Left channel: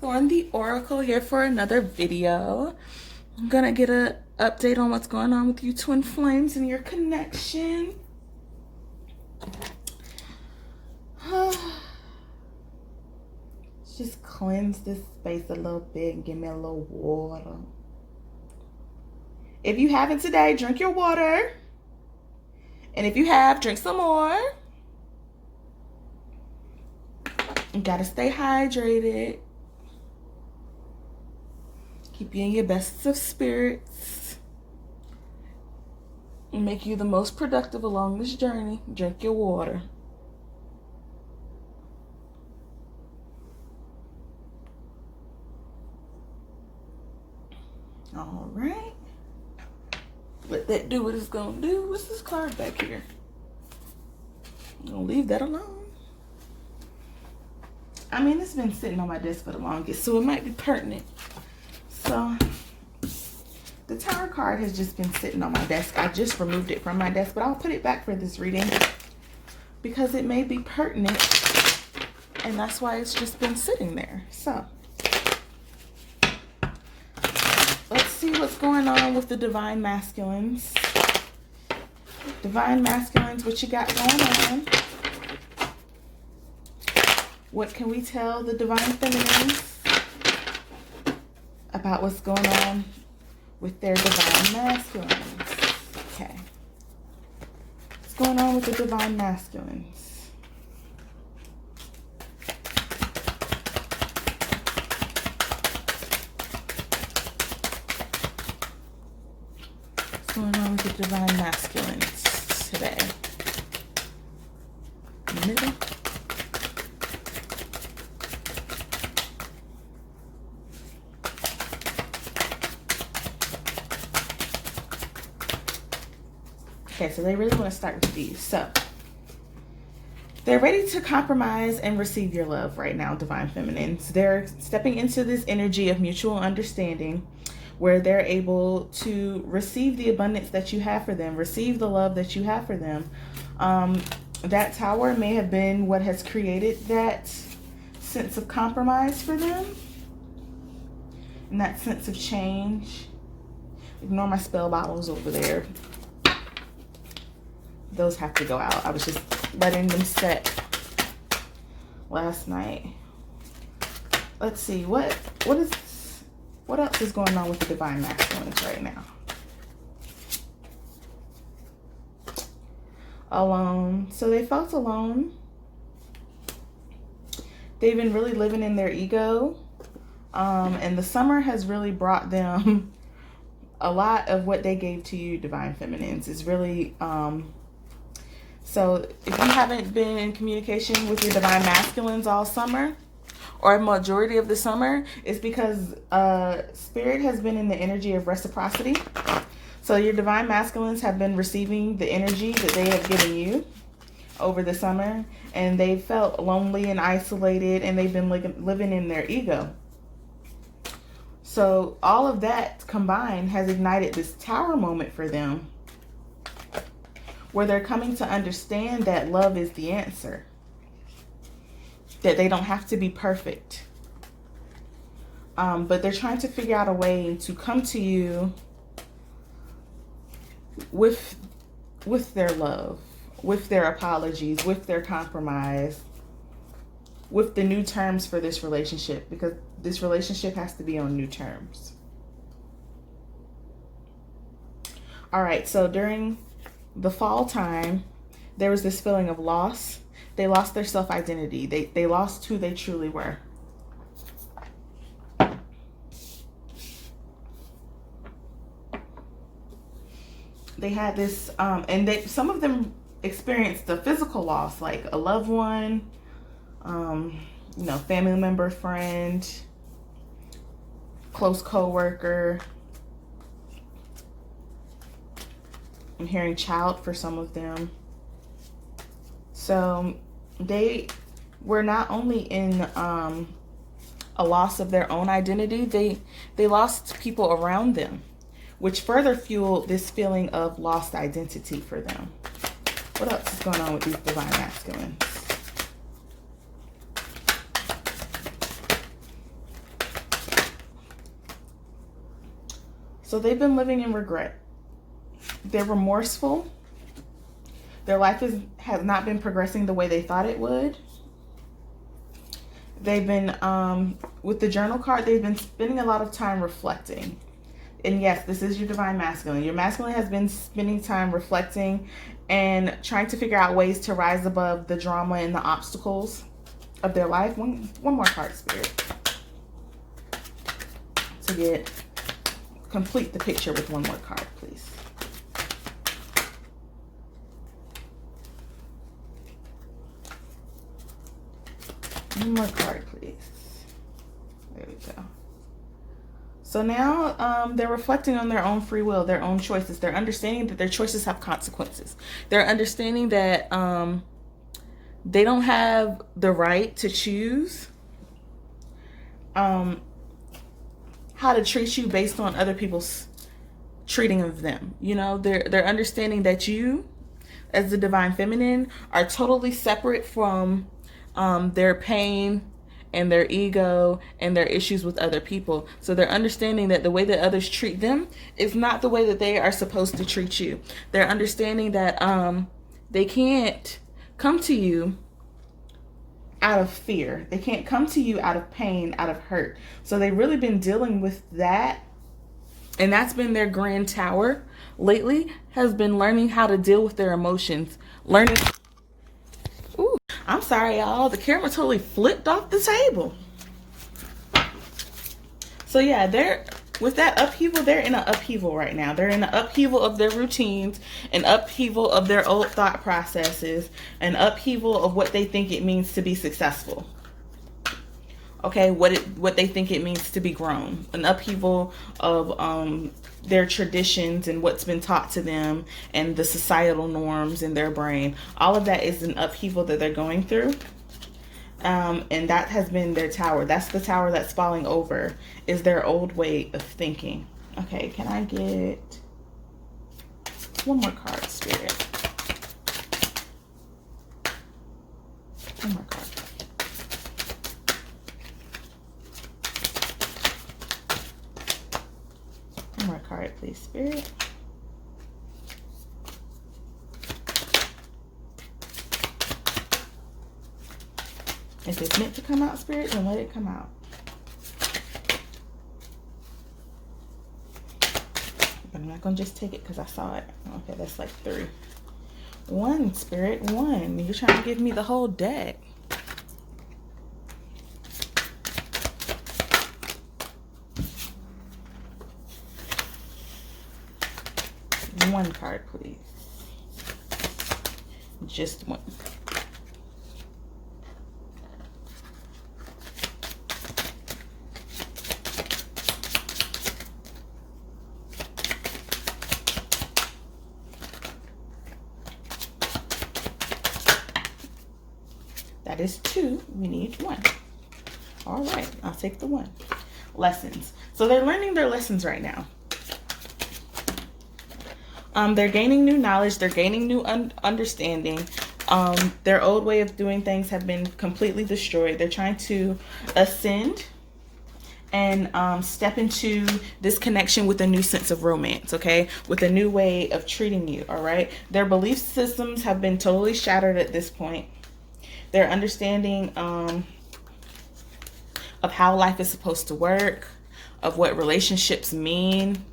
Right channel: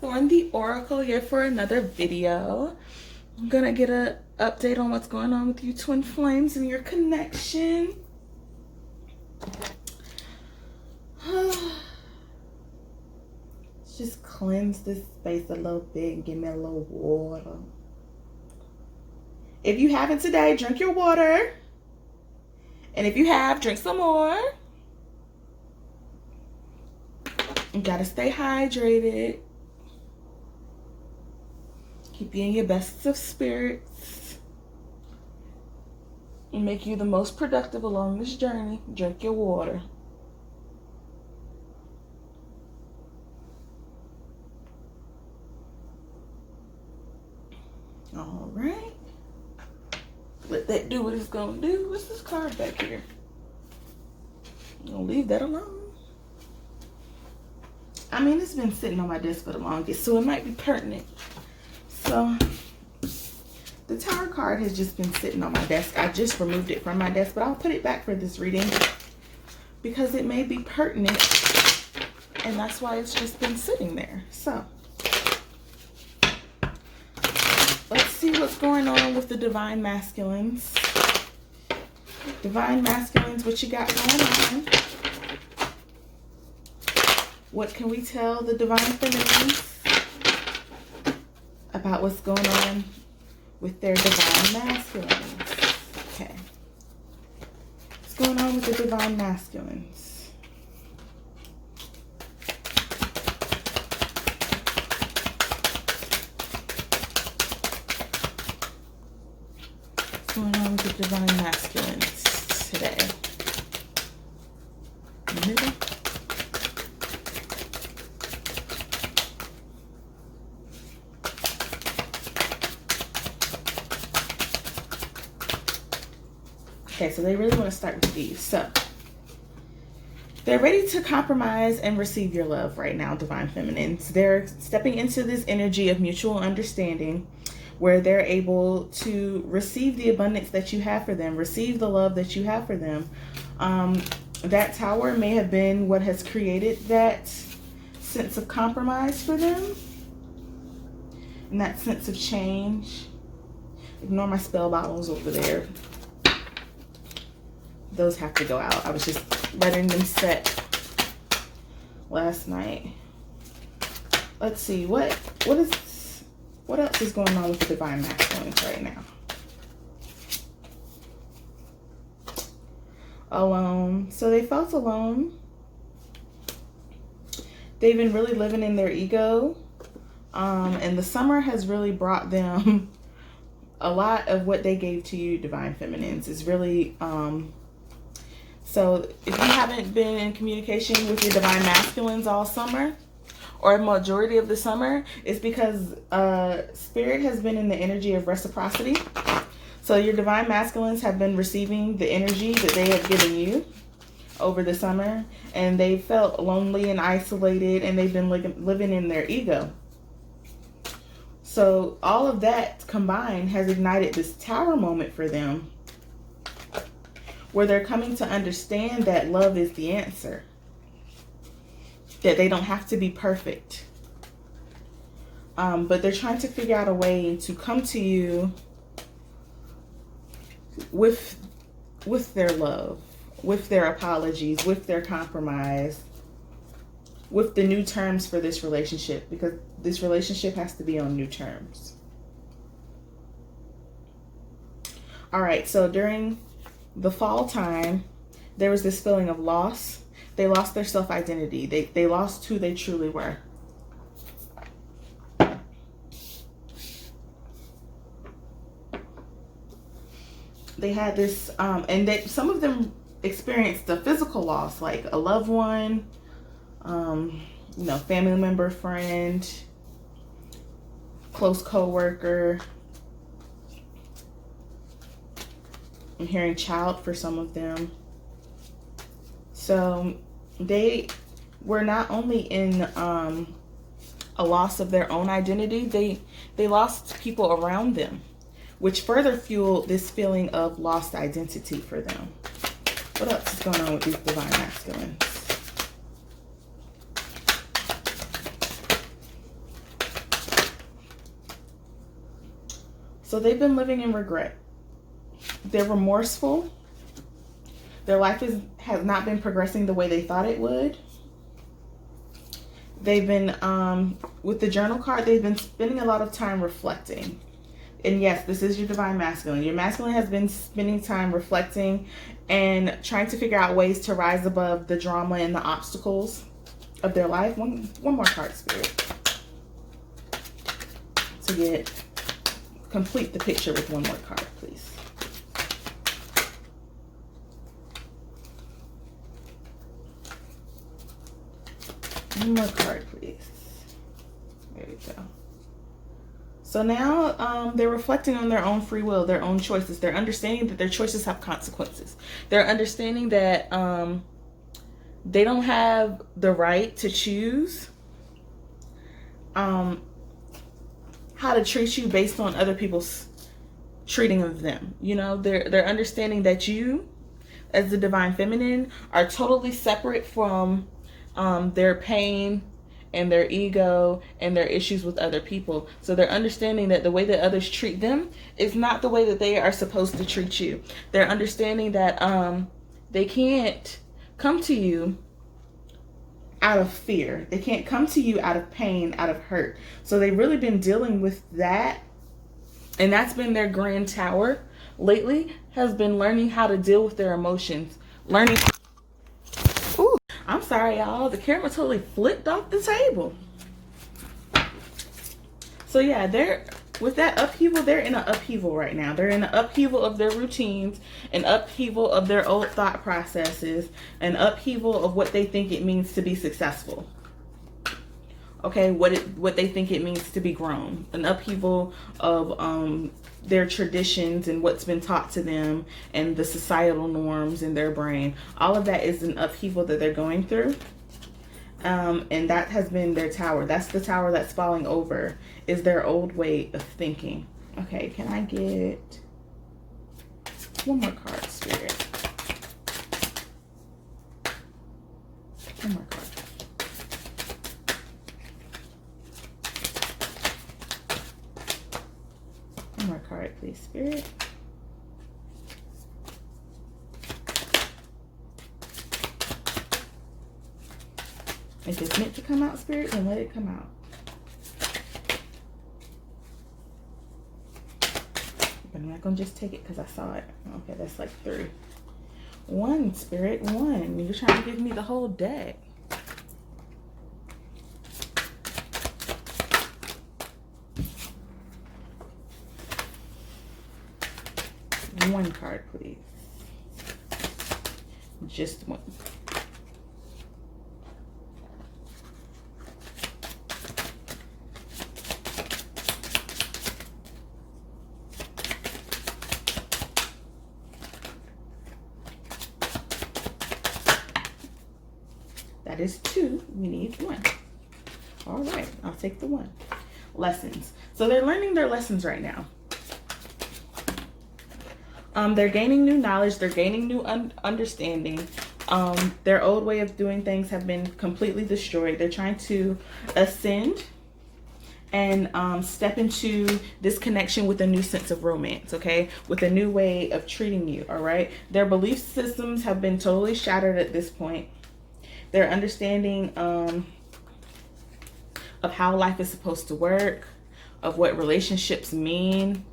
Darkthorn, the Oracle, here for another video. I'm gonna get an update on what's going on with you twin flames and your connection. Just cleanse this space a little bit and give me a little water. If you haven't today, drink your water. And if you have, drink some more. You gotta stay hydrated. Keep you in your best of spirits. And make you the most productive along this journey. Drink your water. All right. Let that do what it's gonna do. What's this card back here? I'm gonna leave that alone. I mean, it's been sitting on my desk for the longest, so it might be pertinent. So, the Tower card has just been sitting on my desk. I just removed it from my desk, but I'll put it back for this reading because it may be pertinent, and that's why it's just been sitting there. So, let's see what's going on with the Divine Masculines. Divine Masculines, what you got going on? What can we tell the Divine Feminines about what's going on with their Divine Masculines? Okay. What's going on with the Divine Masculines? What's going on with the Divine Masculines today? Middle. Okay, so they really want to start with these. So, they're ready to compromise and receive your love right now, Divine Feminines. They're stepping into this energy of mutual understanding where they're able to receive the abundance that you have for them, receive the love that you have for them. That Tower may have been what has created that sense of compromise for them and that sense of change. Ignore my spell bottles over there. Those have to go out. I was just letting them set last night. Let's see, what else is going on with the Divine Masculines right now? Alone. So they felt alone. They've been really living in their ego. And the summer has really brought them a lot of what they gave to you, Divine Feminines, is really so if you haven't been in communication with your Divine Masculines all summer, or a majority of the summer, it's because Spirit has been in the energy of reciprocity. So your Divine Masculines have been receiving the energy that they have given you over the summer, and they felt lonely and isolated, and they've been living in their ego. So all of that combined has ignited this Tower moment for them, where they're coming to understand that love is the answer. That they don't have to be perfect. But they're trying to figure out a way to come to you with their love, with their apologies, with their compromise, with the new terms for this relationship, because this relationship has to be on new terms. All right, so during the fall time, there was this feeling of loss. They lost their self-identity. They lost who they truly were. They had this, and some of them experienced the physical loss, like a loved one, family member, friend, close co-worker. I'm hearing child for some of them. So they were not only in a loss of their own identity, they lost people around them, which further fueled this feeling of lost identity for them. What else is going on with these Divine Masculines? So they've been living in regret. They're remorseful. Their life has not been progressing the way they thought it would. They've been, with the journal card, they've been spending a lot of time reflecting. And yes, this is your divine masculine. Your masculine has been spending time reflecting and trying to figure out ways to rise above the drama and the obstacles of their life. One more card, Spirit. To complete the picture with one more card, please. One more card, please. There we go. So now they're reflecting on their own free will, their own choices. They're understanding that their choices have consequences. They're understanding that they don't have the right to choose how to treat you based on other people's treating of them. You know, they're understanding that you, as the divine feminine, are totally separate from their pain and their ego and their issues with other people. So they're understanding that the way that others treat them is not the way that they are supposed to treat you. They're understanding that they can't come to you out of fear. They can't come to you out of pain, out of hurt. So they've really been dealing with that. And that's been their grand tower lately, has been learning how to deal with their emotions. Learning. Ooh, I'm sorry, y'all. The camera totally flipped off the table. So yeah, they're with that upheaval, they're in an upheaval right now. They're in an upheaval of their routines, an upheaval of their old thought processes, an upheaval of what they think it means to be successful. Okay, what they think it means to be grown. An upheaval of their traditions and what's been taught to them and the societal norms in their brain. All of that is an upheaval that they're going through. And that has been their tower. That's the tower that's falling over, is their old way of thinking. Okay, can I get one more card, Spirit? One more card. One more card, please, Spirit. If it's meant to come out, Spirit, then let it come out. But I'm not going to just take it because I saw it. Okay, that's like 3. 1, Spirit, 1. You're trying to give me the whole deck. One card, please. Just 1. That is 2. We need 1. All right, I'll take the 1. Lessons. So they're learning their lessons right now. They're gaining new knowledge. They're gaining new understanding. Their old way of doing things have been completely destroyed. They're trying to ascend and step into this connection with a new sense of romance, okay? With a new way of treating you, all right? Their belief systems have been totally shattered at this point. Their understanding of how life is supposed to work, of what relationships mean,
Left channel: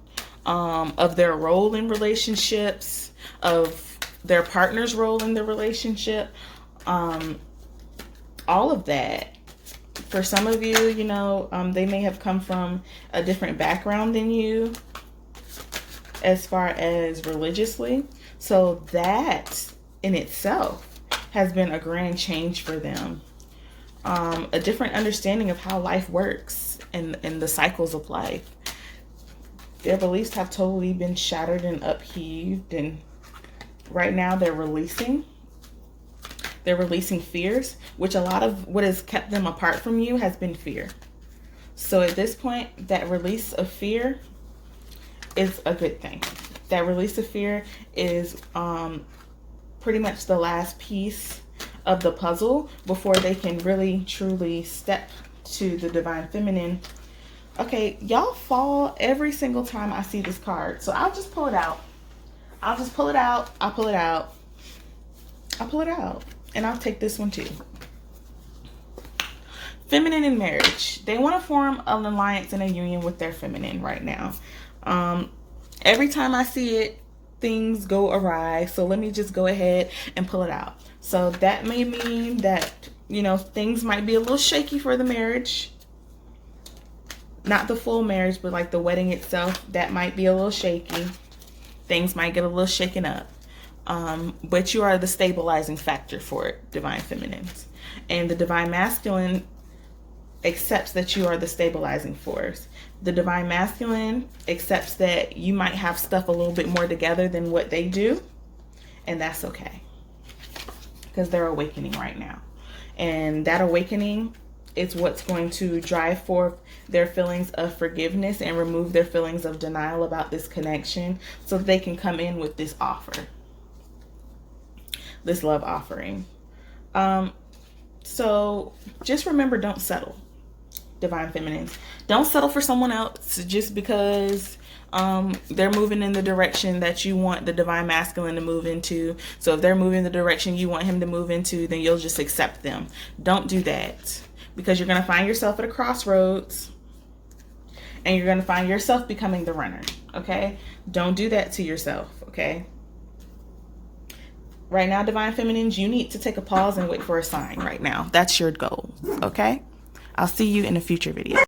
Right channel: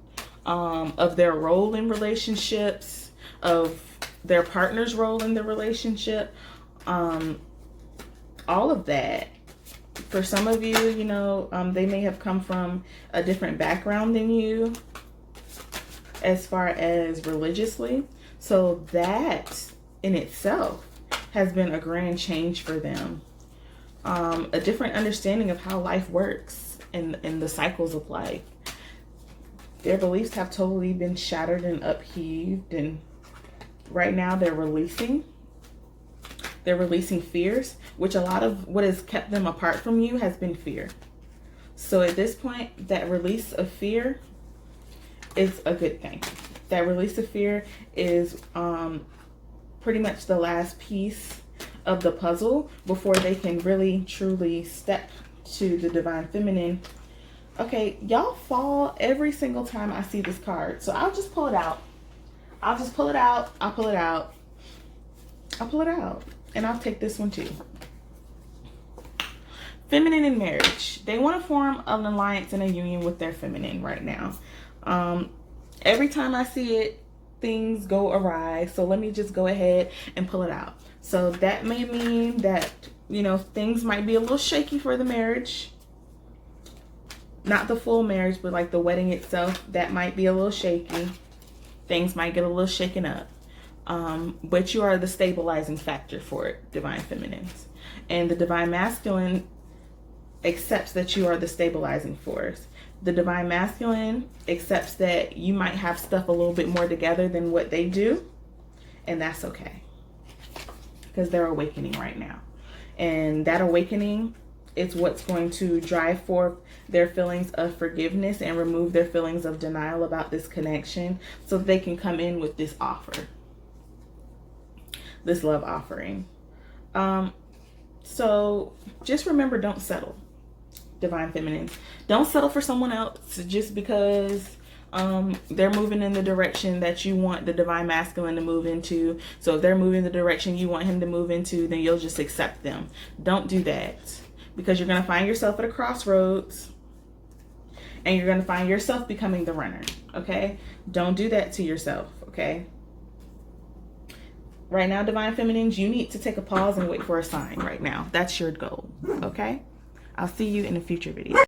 of their role in relationships, of their partner's role in the relationship, all of that. For some of you, you know, they may have come from a different background than you as far as religiously. So that in itself has been a grand change for them. A different understanding of how life works and the cycles of life. Their beliefs have totally been shattered and upheaved, and right now they're releasing. They're releasing fears, which a lot of what has kept them apart from you has been fear. So at this point, that release of fear is a good thing. That release of fear is pretty much the last piece of the puzzle before they can really truly step to the divine feminine Okay, y'all fall every single time I see this card. So I'll just pull it out. I'll just pull it out. I'll pull it out. I'll pull it out. And I'll take this one too. Feminine in marriage. They want to form an alliance and a union with their feminine right now. Every time I see it, things go awry. So let me just go ahead and pull it out. So that may mean that, you know, things might be a little shaky for the marriage. Not the full marriage, but like the wedding itself, that might be a little shaky. Things might get a little shaken up. But you are the stabilizing factor for it, Divine Feminines. And the Divine Masculine accepts that you are the stabilizing force. The Divine Masculine accepts that you might have stuff a little bit more together than what they do. And that's okay. Because they're awakening right now. And that awakening is what's going to drive forth their feelings of forgiveness and remove their feelings of denial about this connection, so that they can come in with this offer, this love offering. So just remember, don't settle, Divine Feminines. Don't settle for someone else just because they're moving in the direction that you want the Divine Masculine to move into. So if they're moving the direction you want him to move into, then you'll just accept them. Don't do that, because you're going to find yourself at a crossroads and you're going to find yourself becoming the runner. Okay? Don't do that to yourself. Okay? Right now, Divine Feminines, you need to take a pause and wait for a sign right now. That's your goal. Okay? I'll see you in a future video.